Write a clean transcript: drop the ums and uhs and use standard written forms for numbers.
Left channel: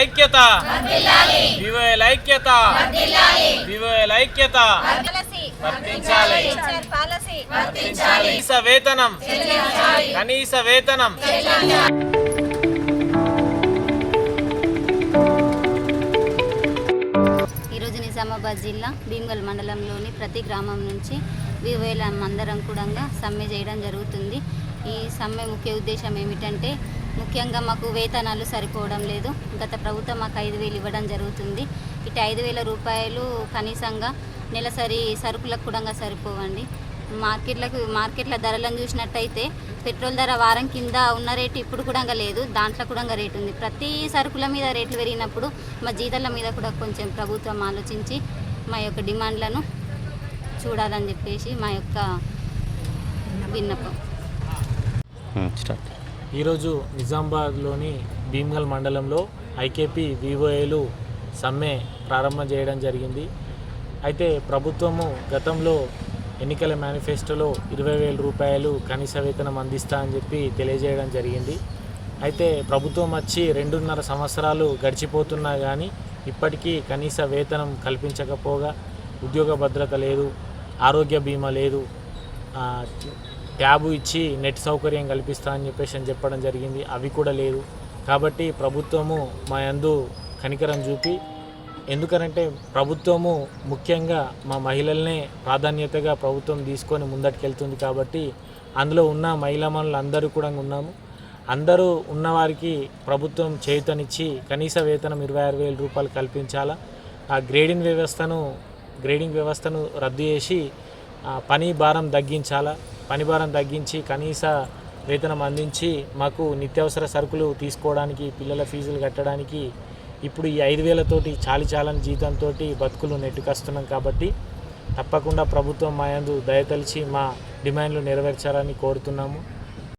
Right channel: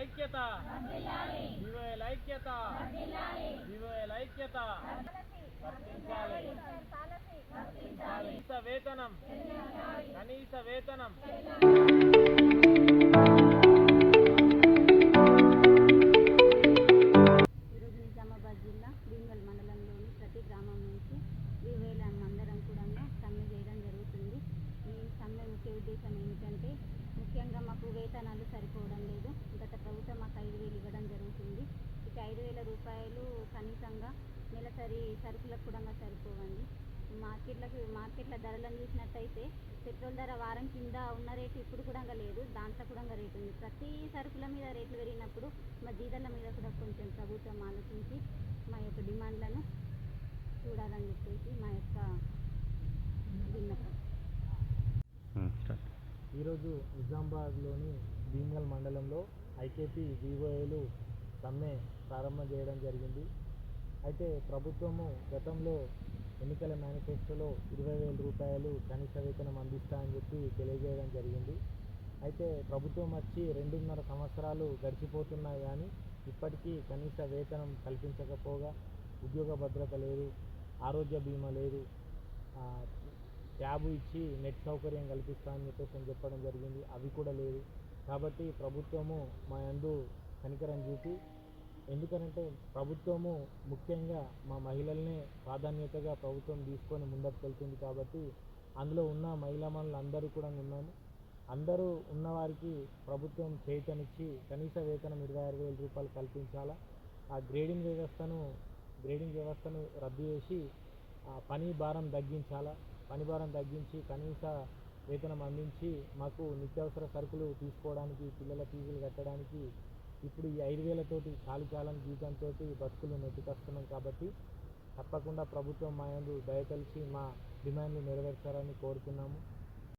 ఐక్యత వివోఎల్ ఐక్యత వివోఎల్ ఐక్యత వర్తించాలి కనీస వేతనం కనీస వేతనం. ఈరోజు నిజామాబాద్ జిల్లా భీమ్గల్ మండలంలోని ప్రతి గ్రామం నుంచి వివోఎల్ అందరం కూడా సమ్మె చేయడం జరుగుతుంది. ఈ సమ్మె ముఖ్య ఉద్దేశం ఏమిటంటే, ముఖ్యంగా మాకు వేతనాలు సరిపోవడం లేదు. గత ప్రభుత్వం మాకు 5,000 ఇవ్వడం జరుగుతుంది. ఇటు 5,000 రూపాయలు కనీసంగా నెలసరి సరుకులకు కూడా సరిపోవండి. మార్కెట్ల ధరలను చూసినట్టయితే పెట్రోల్ ధర వారం కింద ఉన్న రేటు ఇప్పుడు కూడా లేదు, దాంట్లో కూడా రేటు ఉంది. ప్రతి సరుకుల మీద రేట్లు పెరిగినప్పుడు మా జీతాల మీద కూడా కొంచెం ప్రభుత్వం ఆలోచించి మా యొక్క డిమాండ్లను చూడాలని చెప్పేసి మా యొక్క విన్నపం. ఈరోజు నిజామాబాద్లోని భీమ్గల్ మండలంలో ఐకేపీ వివోఏలు సమ్మె ప్రారంభం చేయడం జరిగింది. అయితే ప్రభుత్వము గతంలో ఎన్నికల మేనిఫెస్టోలో 20,000 రూపాయలు కనీస వేతనం అందిస్తా అని చెప్పి తెలియజేయడం జరిగింది. అయితే ప్రభుత్వం వచ్చి 2.5 సంవత్సరాలు గడిచిపోతున్నా కానీ ఇప్పటికీ కనీస వేతనం కల్పించకపోగా ఉద్యోగ భద్రత లేదు, ఆరోగ్య బీమా లేదు, ట్యాబు ఇచ్చి నెట్ సౌకర్యం కల్పిస్తా అని చెప్పడం జరిగింది. అవి కూడా లేదు. కాబట్టి ప్రభుత్వము మా యందు కనికరం చూపి, ఎందుకనంటే ప్రభుత్వము ముఖ్యంగా మా మహిళలనే ప్రాధాన్యతగా ప్రభుత్వం తీసుకొని ముందటికెళ్తుంది. కాబట్టి అందులో ఉన్న మహిళామణులు అందరూ కూడా ఉన్నాము. అందరూ ఉన్నవారికి ప్రభుత్వం చేయూతనిచ్చి కనీస వేతనం 26,000 రూపాయలు కల్పించాలా. ఆ గ్రేడింగ్ వ్యవస్థను రద్దు చేసి పని భారం తగ్గించాలా. పని భారం తగ్గించి కనీస వేతనం అందించి మాకు నిత్యావసర సరుకులు తీసుకోవడానికి, పిల్లల ఫీజులు కట్టడానికి ఇప్పుడు ఈ 5,000 తోటి చాలని జీతంతో బతుకులు నెట్టుకొస్తున్నాం. కాబట్టి తప్పకుండా ప్రభుత్వం మా యందు దయతలిచి మా డిమాండ్లు నెరవేర్చాలని కోరుతున్నాము.